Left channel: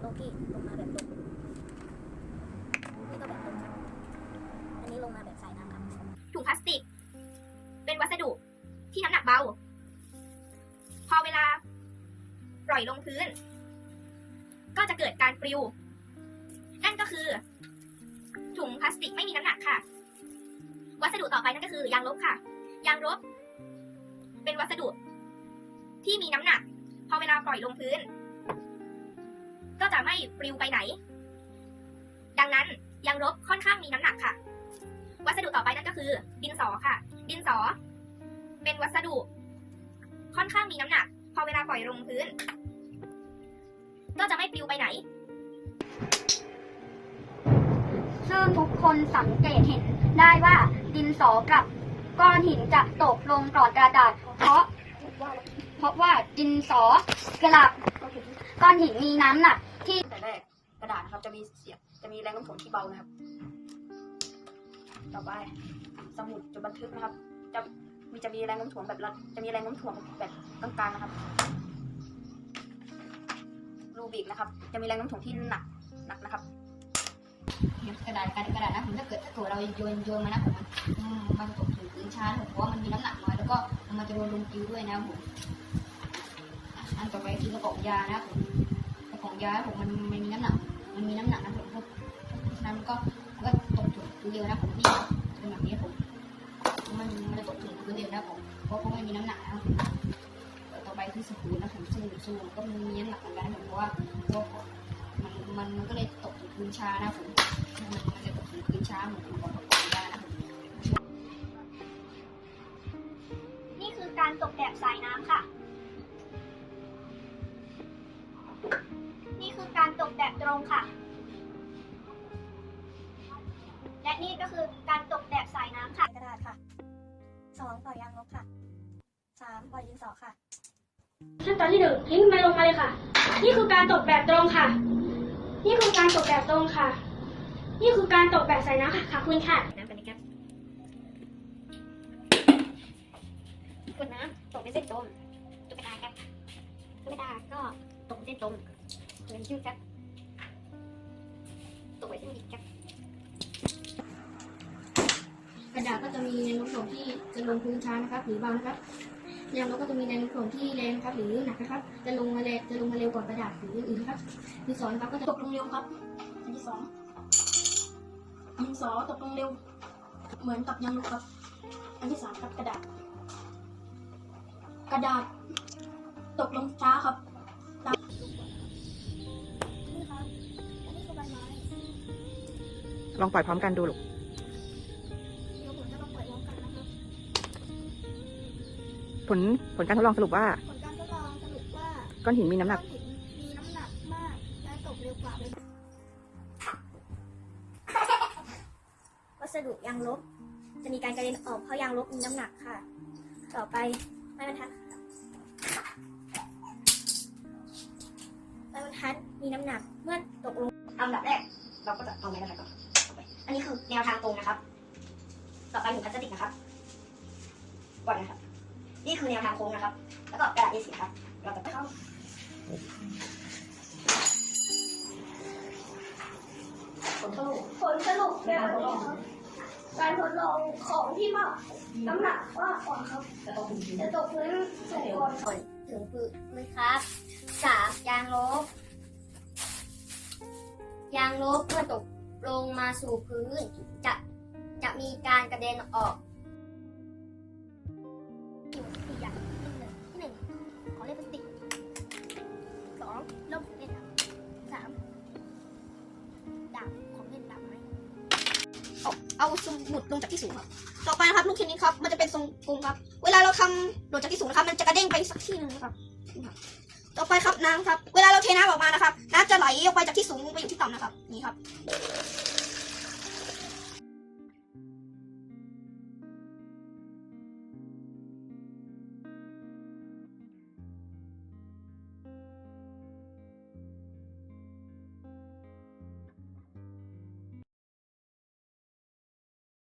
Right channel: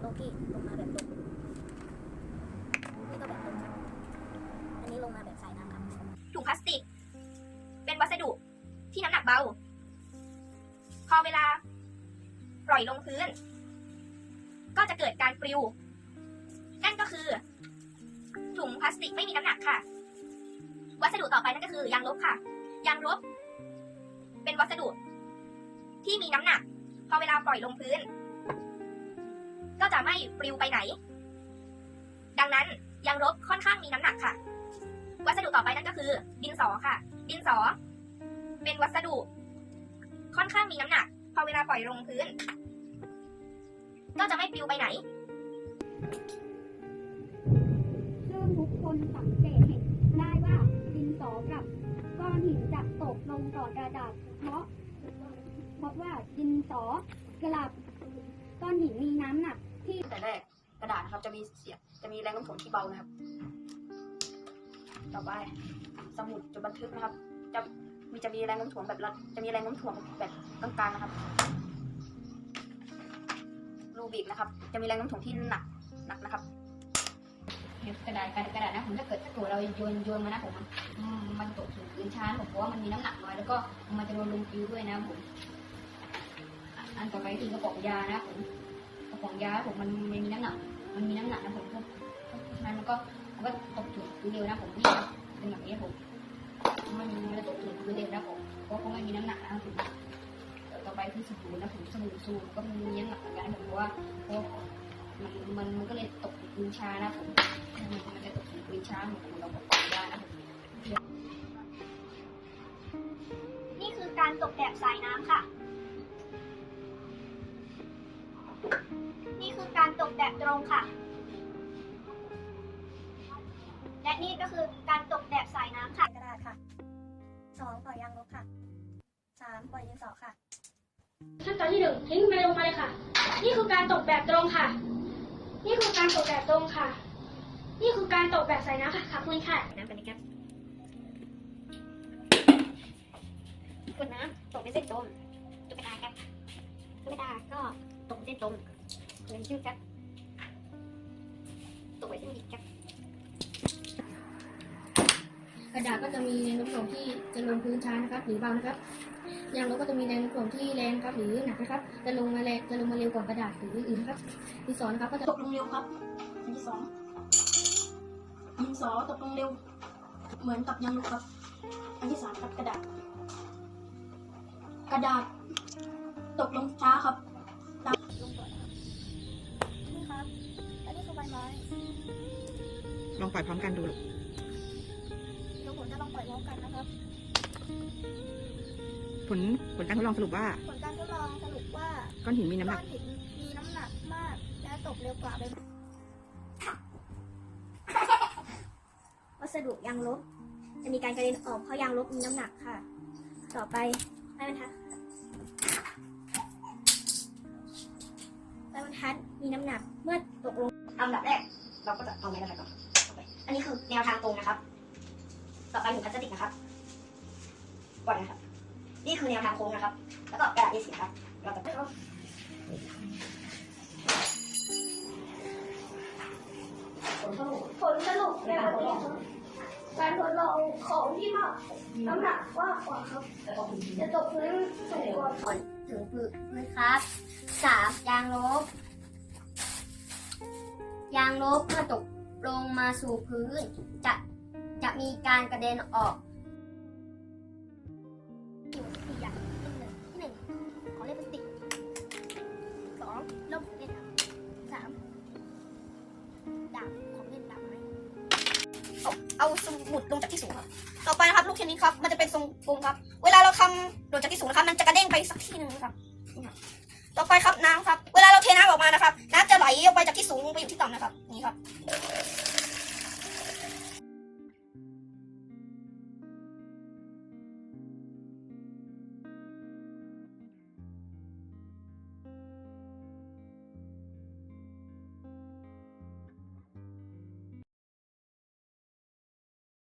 โลกี้ลงมาแบบตรงนี่ก็แบบตรงครับ อันนี้ลงมาแบบสายน้ำครับ ถุงพลาสติก เป็นวัสดุที่น้ำหนักเบา พอเวลา ปล่อยลงพื้น ก็จะเกิดการปลิว นั่นก็คือ ถุงพลาสติกไม่มีน้ำหนักค่ะ วัสดุต่อไปนั่นก็คือยางลบค่ะ ยางลบ เป็นวัสดุที่มีน้ำหนัก พอเวลาปล่อยลงพื้น ก็จะไม่ปลิวไปไหน ดังนั้นยางลบค่อนข้างมีน้ำหนักค่ะ วัสดุต่อไปนั่นก็คือ ดินสอค่ะ ดินสอ เป็นวัสดุ ค่อนข้างมีน้ำหนัก พอเวลาปล่อยลงพื้น ก็จะไม่ปลิวไปไหน ซึ่งทุกคนสังเกตเห็นได้ว่าดินสอกับก้อนหินจะตกลงก่อนกระดาษ เพราะ เพราะว่าดินสอกับก้อนหินมีน้ำหนัก ที่ส่วแรกกระดาษนะครับจะมีเสียงจะมีแรงโน้มถ่วงที่เบานะครับ ต่อไปสมุดจดบันทึกนะครับ จะมีจะมีแรงโน้มถ่วงแบบละจะมีแรงโน้มถ่วงแบบกลางๆนะครับรูบิกนะครับ จะมีแรงโน้มถ่วงที่หนักหนักนะครับกระดาษกระดาษกระดาษนะผมถ้าเกิดตัวเราโยนโยนมานะผมมันตกถึงพื้นช้าผมเพราะว่ามันมีน้ำหนักน้อยแล้วก็มันจะโดนลงคิ้วด้วยนะผมอันต่อไปคือกระป๋องยานะผม กระป๋องยาผมมันมันมีน้ำหนักมันมีน้ำหนักนะผมนั้นมันก็มันก็ตกถึงพื้นเร็วนะผมนี่เป็นแบบนี้ผมมันมันตกถึงพื้นเร็วนะผมเพราะเขาไม่มีน้ำหนักนะครับต่อไปคือสบู่นะผมสบู่สูบก็มีน้ำหนักเหมือนกันเพราะว่ามันมันมันก็เลยตกถึงพื้นช้านะผมมันจะตกถึงพื้นช้าของคุณเราก็ปล่อยได้นะนี่คือการตกแบบสายน้ำค่ะ คือการตกแบบตรงค่ะ และนี่ก็คือการตกแบบสายน้ำค่ะกระดาษค่ะสองปล่อยยางลบค่ะสามปล่อยดินสอค่ะขั้นตอนที่หนึ่งทิ้งมันลงมาเลยค่ะ นี่คือการตกแบบตรงค่ะ นี่คือการตกแบบตรงค่ะ นี่คือการตกแบบใส่น้ำค่ะขอบคุณค่ะน้ำกันนะครับกดน้ำตกเป็นเส้นตรงตุ๊กตาครับตุ๊กตาก็ตกเป็นเส้นตรง เหมือนชื่อครับตกไปเส้นดิบครับกระดาษก็จะมีแรงโน้มถ่วงที่จะลงพื้นช้านะครับ หรือเบานะครับยางลบก็จะมีแรงโน้มถ่วงที่แรงครับหรือหนักนะครับจะลงมาแรงจะลงมาเร็วกว่ากระดาษหรืออื่นนะครับที่สองนครับก็จะตกลงเร็วครับอันที่สองดินสอตกลงเร็ว เหมือนกับยางลบครับอันที่สามครับกระดาษ กระดาษตกลงช้าครับ ลองปล่อยพร้อมกันดูลูกเดี๋ยวผมจะลองปล่อยพร้อมกันนะครับผลผลการทดลองสรุปว่า ผลการทดลองสรุปว่าก้อนหินมีน้ำหนักก้อหินมีน้ำหนักมากและตกเร็วกว่าโดยวัสดุยางลบ จะมีการกระเด็นออกเพราะยางลบมีน้ำหนักค่ะ ต่อไปไม้บรรทัดไม้บรรทัดมีน้ำหนักเมื่อตกลงอันดับแรก เราก็จะเอาแรงงานตรง อันนี้คือแนวทางตรงนะครับ ต่อไปถุงพลาสติกนะครับก่อนนะครับ นี่คือแนวทางตรงนะครับ แล้วก็กระดาษ A4 ครับ เราจะเข้าผลสรุปเนี่ยการทดลองของที่มากน้ำหนักมากกว่าครับจะตกพื้นสูงกว่าถึงพื้นครับสามยางลบยางลบเมื่อตก ลงมาสู่พื้น จะจะมีการกระเด็นออกสี่อย่างที่หนึ่งที่หนึ่งของเล่นพลาสติกสองล่มของเล่นครับสามดาบของเล่นดาบไม้เอาเอาสมุดลงจากที่สูงครับต่อไปนะครับลูกเทนนิสครับ มันจะเป็นทรงกลมครับ เวลาเราทำโดดจากที่สูงนะครับ มันจะกระเด้งไปสักที่หนึ่งครับ ต่อไปครับน้ำครับ เวลาเราเทน้ำออกมานะครับ น้ำจะไหลออกไปจากที่สูงไปอยู่ที่ต่ำนะครับ นี่ครับ